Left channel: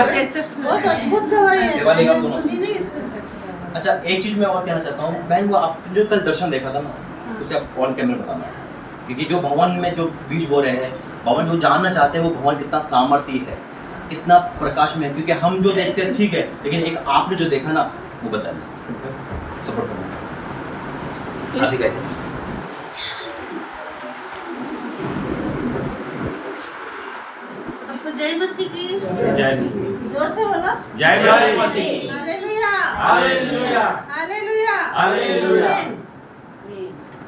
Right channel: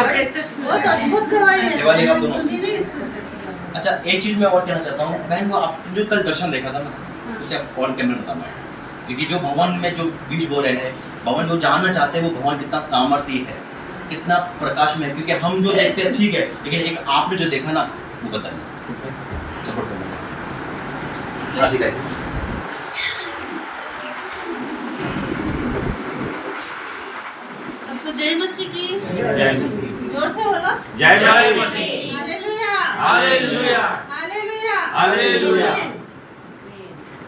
बहुत अद्भुत गवाही है, सेवा लेगा दोनों। सुनी नहीं इससे पहले। अच्छा एक चीज मैं और कहना चाहता हूँ बहन, वो आप जो कल दर्शन देखा था ना, उसे आप ऑन कैमरा बताना, क्योंकि जो भगवान में जो बीज बो रहे हैं, भगवान जो जानना चाहते हैं वो भगवान कितना सामर्थ्य है, कितना प्रकाश में है, क्योंकि हम जो देखते हैं ठीक है, लेकिन एक आपने जो देखा ना वो बताइए, सपोर्ट करना। आशी कहते हैं सबको जय मसीह की। जय मसीह। जोर से बोला। जय मसीह। Hallelujah hallelujah. Hallelujah hallelujah.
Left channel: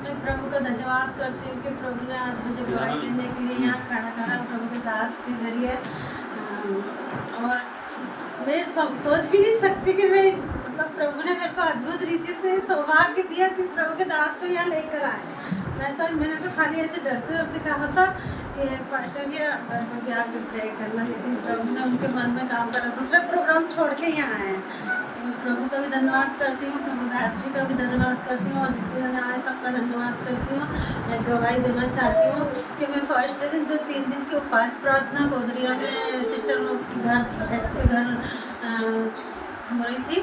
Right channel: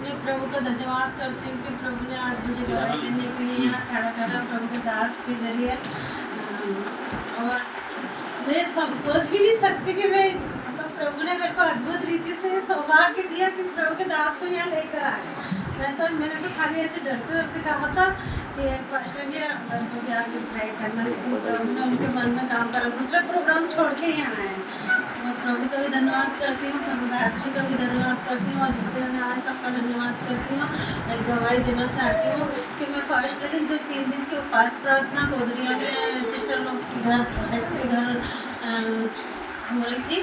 मैं प्रभु का धन्यवाद करती हूँ कि प्रभु ने आज मुझे गवाही देने के लिए यहाँ खड़ा करा, प्रभु के दास के जरिए। और मैं सोच भी नहीं सकती कि मैं मतलब प्रभु ने मेरे को अद्भुत रीति से सौभाग्य दिया कि प्रभु के दास को यहाँ लेकर आए। मैंने तो खाली ऐसे डरते डरते कहा था कि पास्टर जी घर को भी आके प्रे करना, लेकिन प्रभु ने उनके मन में काम करा, दूसरा प्रोग्राम छोड़ के यहाँ आए। मैं प्रभु का भी धन्यवाद करती हूँ, प्रभु दास जी का भी धन्यवाद करती हूँ, और जितने जन आए सबका धन्यवाद करती हूँ। मैं गवाही देना चाहती हूँ कि मैं फर्स्ट दिन जो 3 दिन की उपास प्रार्थना गोदरिया में सिस्टर लोग घर ऐसे घर हो रही थी,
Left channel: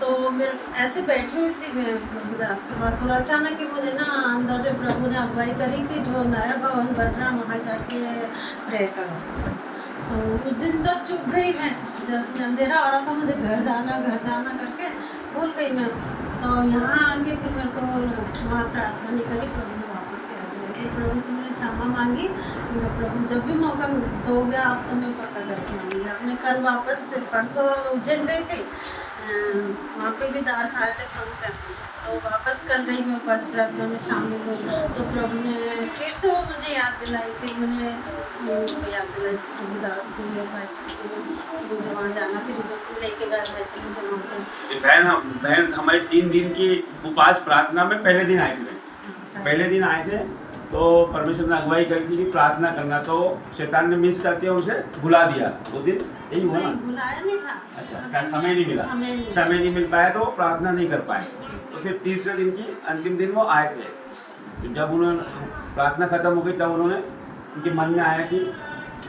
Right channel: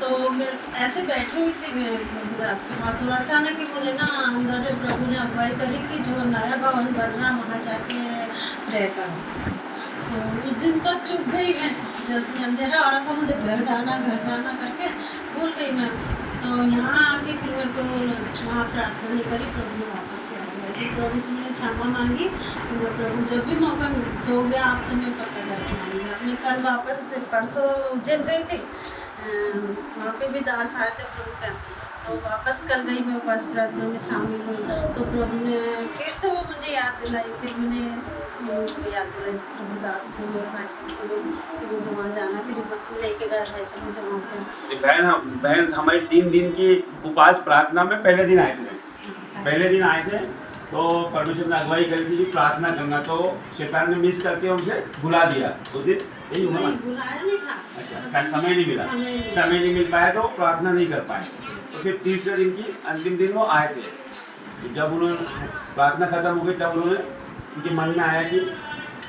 तो मेरे ऐसे बैठी हुई थी मैं प्रभु दास के पास, और अचानक ही मुझे ना अंदर से प्रभु ने अगुवाई करी कि जो नया भवन बन रहा है वहाँ जाके प्रे करो। तो उस दिन तो चुप गई मैं, जब अंधेरा हो रहा था मुझे घर जाना करके भूल गई मैं। तो यहाँ आके फिर मेरे को वहाँ प्रार्थना नहीं करी, प्रभु ने वापस से आ गया। प्रभु से मैंने क्षमा मांगी, तो प्रभु जब भी मौका दोगे आप तो मैं पक्का कर पाऊँगी। अपने कल वापस से परसों उज्जैन गई थी, वहाँ पे भी दास आए थे प्रभु का, तो वापस कल गई मैं उपास प्रार्थना में शामिल हुई, तो प्रभु ने फिर से वो मुझे याद दिलाई। फिर मैंने उनको याद दिलाई प्रभु दास को भी और भाई साहब को भी कि मुझे वहाँ जाना, फिर लेके गए भाई साहब मुझे वहाँ पे। बहन हमारे 3 दिन की उपास प्रार्थना में पहले दिन आए थे, तो परमेश्वर ने अगुवाई करी थी कि प्रार्थना करना, तो शैतान ने मिस करके उनसे भुला दिया। उस दिन यही हुआ ना, बुलाया नहीं था। अच्छा समय नहीं मिला, समय नहीं मिल पाया तो प्रार्थना नहीं कर पाए। तो फिर तीसरे दिन की अंतिम दिन वो आए थे, तो जब उन्होंने प्रार्थना खत्म हो गई तब उन्होंने उनके मन में आया कि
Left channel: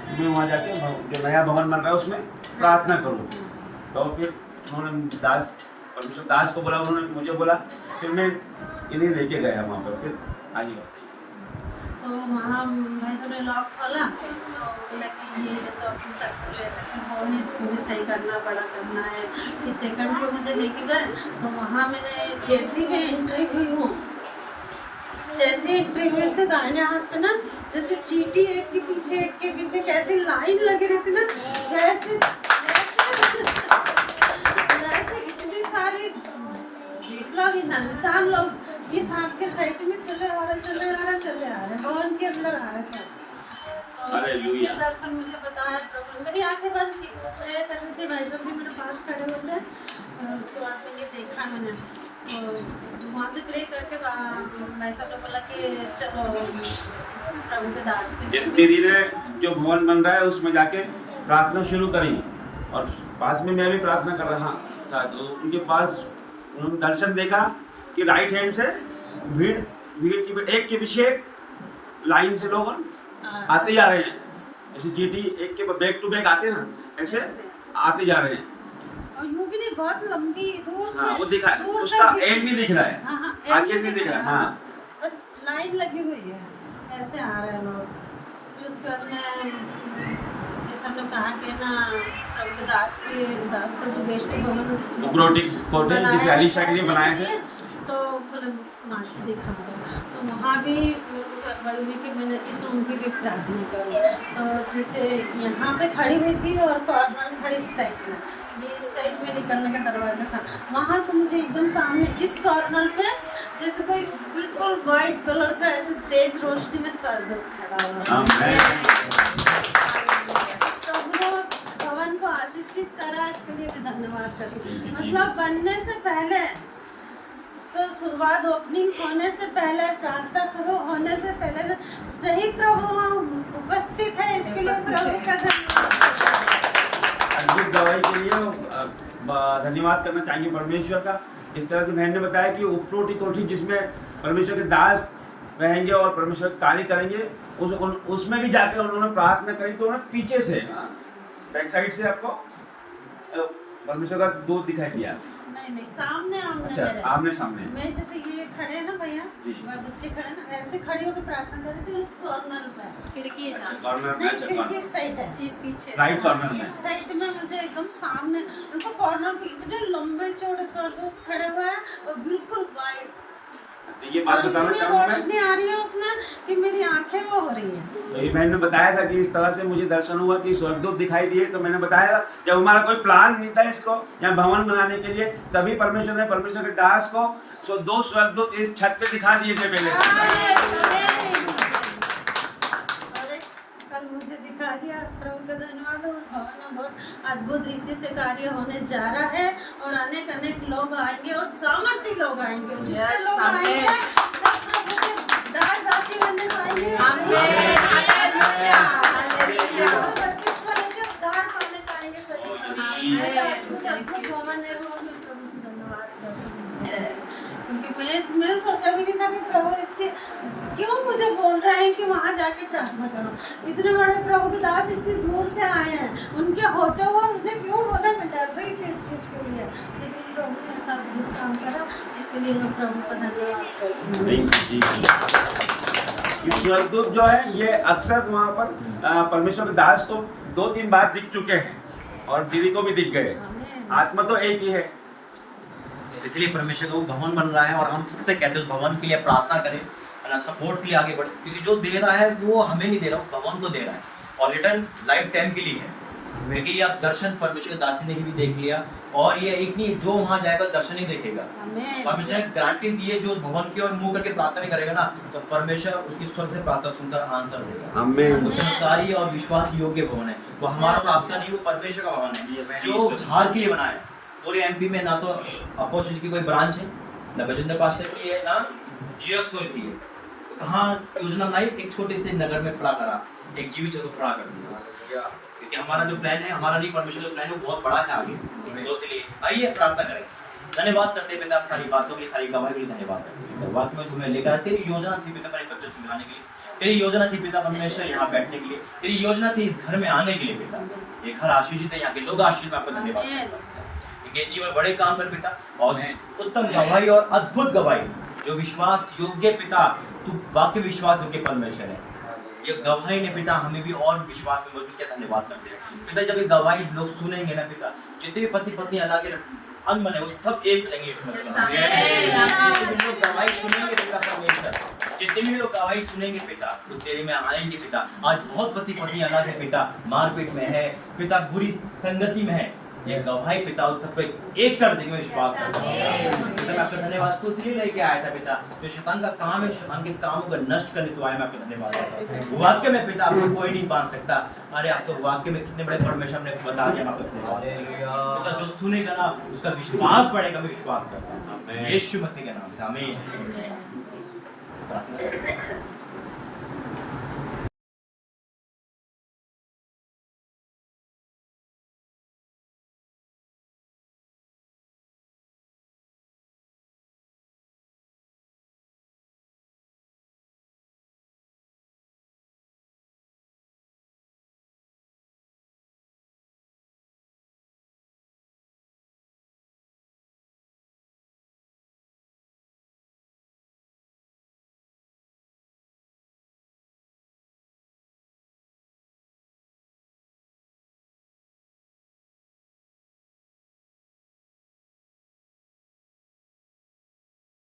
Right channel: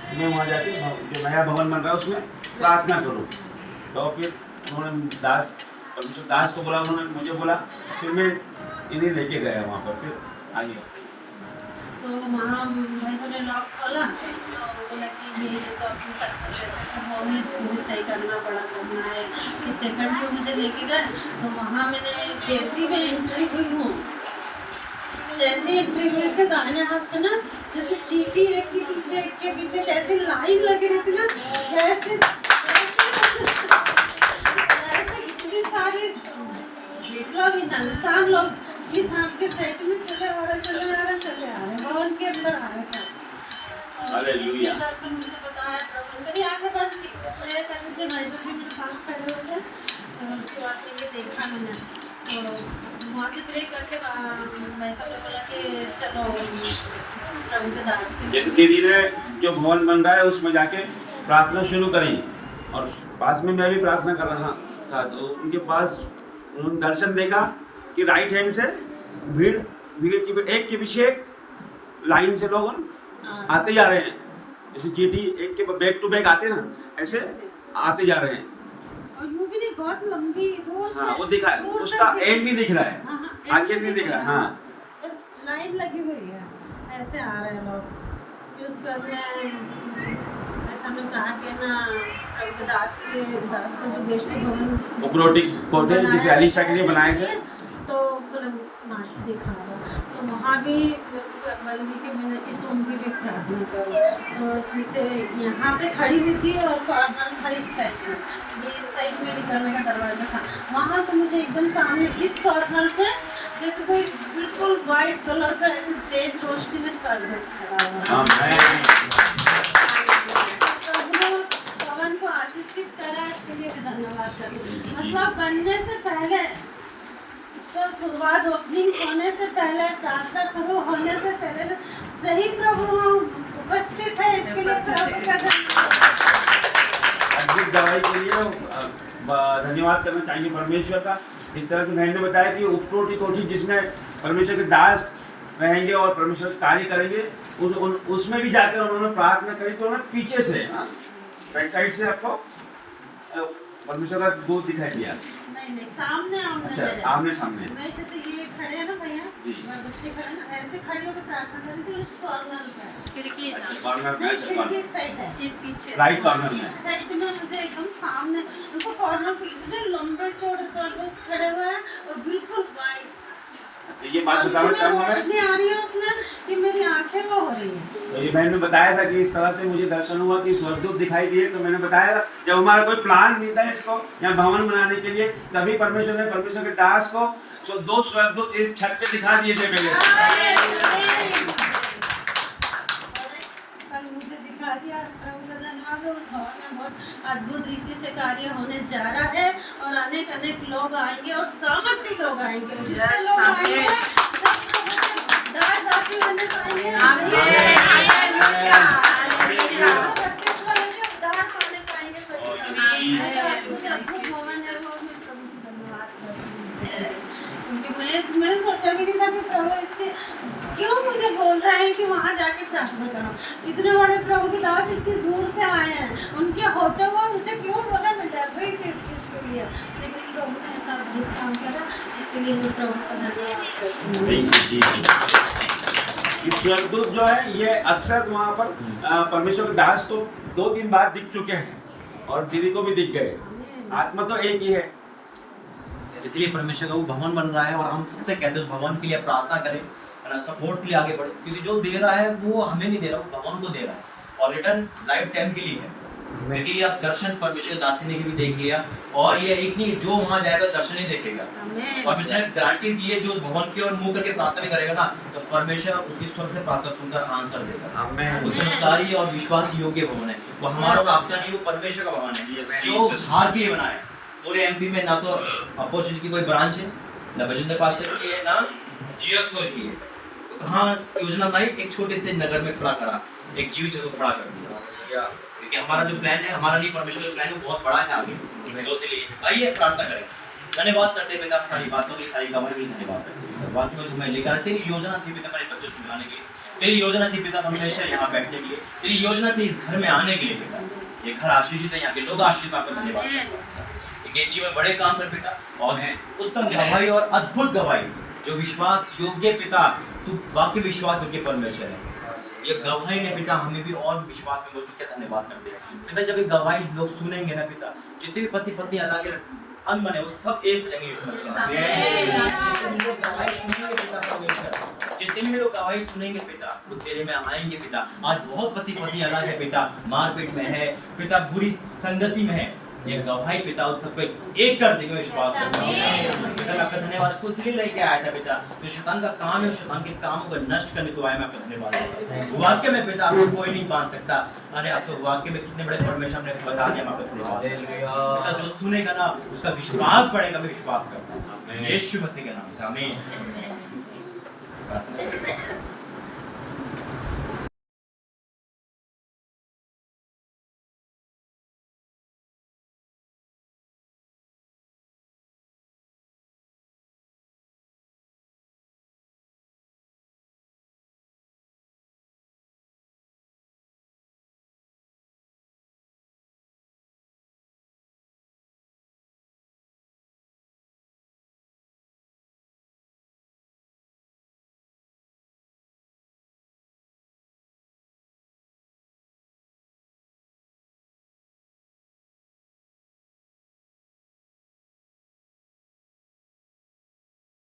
मैं वहाँ जाके जो नया भवन बन रहा है उसमें प्रार्थना करूँ। तो फिर उन्होंने परमेश्वर दास को बोला, उन्होंने मुझे बोला, फिर मैं इन्हें लेके गया वहाँ पर। फिर आइए तो वहाँ भाई साहब ने लॉक खोला, तो बोला कि ये तो अपने कस्टमर रहते थे, बोले इसको भी सही करना, बड़ा करना है। फिर सेकंड पे मुझे लेके गए, तो वहाँ मैंने जैसी मैं एंट्री हुई हूँ, जैसी एंट्री हुई थी दाहिने हाथ से ना जैसे चींटी एक के पीछे कैसी लाइन लगी रहती ना, वैसे इतनी सारी लोग इंसान लोग इस हाथ के साइड में चले आ रहे भवन के अंदर आ रहे सब। ये दर्शन मुझे बताया प्रभु, मेरी आंखें बंद थी, प्रे कर रही थी, भाई साहब भी मेरे पास खड़े हुए थे। उसके बाद में ये देखा मैंने, तो वहाँ से प्रे करके भाई साहब ने बोला कि चलो प्रभु के दास के दीदी ने जो भवन बन रहा है उसमें जाके प्रार्थना शुरू करी, और पास में मैं भी प्रार्थना कर रहा था। तो उनके पास उन्होंने दर्शन देखा कि राइट हैंड से भीड़ की एक के पीछे एक लाइन से लोग आते जा रहे हैं, जैसे चींटी एक के बैक टू बैक आते हैं ना, ऐसे आते जा रहे हैं। और वो भी नहीं बहुत लंबी दूर से, वो दिखा है, उसका एंड नहीं दिख रहा है, आगे नहीं दिख रहा है, हाँ बस लाइन लगी हुई है, ऐसे आ रहे हैं लोग। फिर उसके बाद में सब लोग कहा कि ना प्रभु के दास का जो गेस्ट भवन कोटे जिसे अलीशा के लिए बनाए थे, तो बोले दिखा दो। तो वहाँ भी कि मैंने इस रूम की भी प्रार्थना करी, तो जैसे यहाँ पे खड़ी हुई थी और कॉर्नर था इस साइड में, ये इस साइड में निकलने का दरवाज़ा था, वहाँ से मुझे एकदम सामने इस कॉर्नर पे जैसे कोई बिल्कुल वाइट कलर का ऐसे तेज रोशनी में सर खड़ा हुआ। भवन को आशीषित करा, इसके लिए धन्यवाद करती हूँ। मतलब बनने से पहले, इसको शुरुआत ओपनिंग होने से पहले, प्रार्थना शुरू होने से पहले सही प्रभु वहाँ उपस्थित है, इसके लिए प्रभु का अद्भुत गवाही के लिए धन्यवाद करना चाहिए परमेश्वर का। इस तरह से बहन ने बताया कि उपरोटी कोठी जिसमें परमेश्वर के दास रहेंगे और परमेश्वर कार्य करेंगे, उसमें भी जाकर उन्होंने प्रार्थना करी। तो उन्होंने पीछे से बैक साइड से आपको परमेश्वर का दूत दिखाई दिया? नहीं सामने आमने अच्छा, मेरे। आमने सामने। मैं जैसे ये खड़े हैं ना भैया जी। और बच्चे खड़े हैं ना ऐसे खड़े होकर प्रार्थना कर रही थी उस कॉर्नर पे खिड़की है अच्छा, ना, कॉर्नर में, नहीं अच्छा, खिड़की कॉर्नर। साइड है इस पीछे राइट कॉर्नर में। इस साइड में मुझे एकदम सामने उनको कॉर्नर पे इतने लंबे चौड़े स्वर्गदूत खड़े हुए हैं और बिल्कुल गाइड तो ये बात बताओ इतनी क्या मैंने? रोशनी आ रही है उसमें कि मेरी आंखें वो हो रही हैं। तो ये बहन ने बताया था कि इस तरह से मुझे दर्शन हुआ कि स्वर्गदूत दिखाई दिए, तो मैंने बताया था जब हमारा कोई प्लान नहीं था इसको यहाँ भवन बनाने के लिए, तभी परमेश्वर ने परमेश्वर के दास को दो स्वर्गदूत इस छत पे दिखा दिए थे पहले। अरे, कल मुझे दिखा दिया, प्रभु का धन्यवाद है। उस भवन में बहुत अद्भुत रीति से कार्य होने जा रहा है और अनेक अनेक लोग आएंगे और सामर्थ्य लोग आएंगे। जितने लोग आएंगे सब प्रभु के दास दासी बनने पाएंगे। 132 वाले के उद्धार पाने पाएंगे सभी लोग। ऐसा अद्भुत भवन है वो, मैं प्रभु से धन्यवाद करती हूँ। क्योंकि मैंने सोचा भी नहीं था कि प्रभु इतने क्यों मुझे बोल रहे हैं कि वहाँ जाके प्रार्थना करो। इतने बड़े प्रभु के दास इतनी दूर से आए हैं, उनके होते हुए मुझे क्यों बोला, मैं डर रही थी इस चीज़ के लिए, लेकिन प्रभु ने ऐसा अद्भुत काम करा, इसके लिए मैं प्रभु का धन्यवाद करती हूँ। स्वर्गदूत जो है ये अक्सर वहाँ पर परमेश्वर के दास तो 2-3 बार दिख चुके हैं और दीदी को भी दिख गए। आत्मा तो एक ही है, इसलिए परमेश्वर का वो भवन बन रहा है और हम सबसे कहते हैं उस भवन के लिए प्रार्थना करें, है ना, सपोर्ट के लिए आगे बढ़े, क्योंकि जो दे रहा है वो हमें नहीं दे रहा, वो भवन को दे रहा है और रिटर्न लाइफ टाइम के लिए है। क्योंकि ये आप दर्शन परमेश्वर के दासी ने भी देख लिया और ये एक नहीं जो वहाँ जाएगा दर्शन ही देखेगा। परमेश्वर ने गारंटी दी है जो भवन की ओर मुंह करके प्रार्थना भी करेगा ना, तो परमेश्वर उसकी स्वर्ग से प्रार्थना सुनकर आंसर देगा। वो चमत्कारी और विश्वास योग्य भवन है, वो हमारा और आपका नहीं, वो परमेश्वर का भवन है जो उद्धार के लिए बना है। पूरे एमपी में ना तो अपॉर्चुनिटी की कोई ब्रांच है, ना बजेंद्र पास्टर की है, ना जीएस की है, तो कहाँ योजना बनाई, एक छोटे से नगर में खड़ा करा, एक जीवित जगह खड़ा कर दिया। क्योंकि हमारा जो प्लान है, हमारा नहीं परमेश्वर का प्लान है, वो बहुत बड़ा है आगे। तो इसलिए आइए प्रार्थना करें, धन्यवाद करते पिता सारी बातों के लिए, सारी गवाही के लिए धन्यवाद करते। बात में तुम्हें लेकर तेरी योजना थी पिता मेरे बच्चों से मिलाने के लिए, तेरी योजना थी पिता परमेश्वर यहाँ बैठने के लिए, तेरी योजना थी इस घर में आने के लिए पिता। ये घर आशीषित है, यहाँ के लोग आशीषित, आपका धन्यवाद करते हैं। ये जीवन बड़े काम कर पिता और उत्तम गवाही और अद्भुत गवाही जो विश्वास योग्य पिता, तू वाक्य विश्वास योग्य परमेश्वर है। ये गवाही ने पिता हमें भी और विश्वास में बोल के धन्यवाद करते हैं पिता। जब ये गवाही लोग सुनेंगे ना पिता, जितने भी पति पत्नी अलग अंग बने वो सब एक रहेंगे यीशु मसीह के नाम में। जितने भी लोग गवाही सुनेंगे पिता परमेश्वर, जितने भी लोग गवाही सुनेंगे पिता वो तेरे में आएंगे पिता। आज बहुत पति पत्नी अलग है पिता, मारपीट में है पिता, बुरी संगति में है, ये गवाही पिता उन सबको एक कर देंगे, विश्वास करता हूं पिता। मैं आपका धन्यवाद को इसलिए लेके आया था पिता, जो शैतान का काम है, शैतान के कामों को नष्ट करने तो आया। मैं आपका धन्यवाद वाक्य में पिता आपको कोई नहीं बांध सकता। अरे आप तो वाक्य में कितने बड़े परमेश्वर ने बता दिया। मैं आपका धन्यवाद पिता, जो सुनेगा ना उसका विश्वास बढ़ेगा। मैं विश्वास करता हूँ यीशु मसीह के नाम से, आमीन। प्रार्थना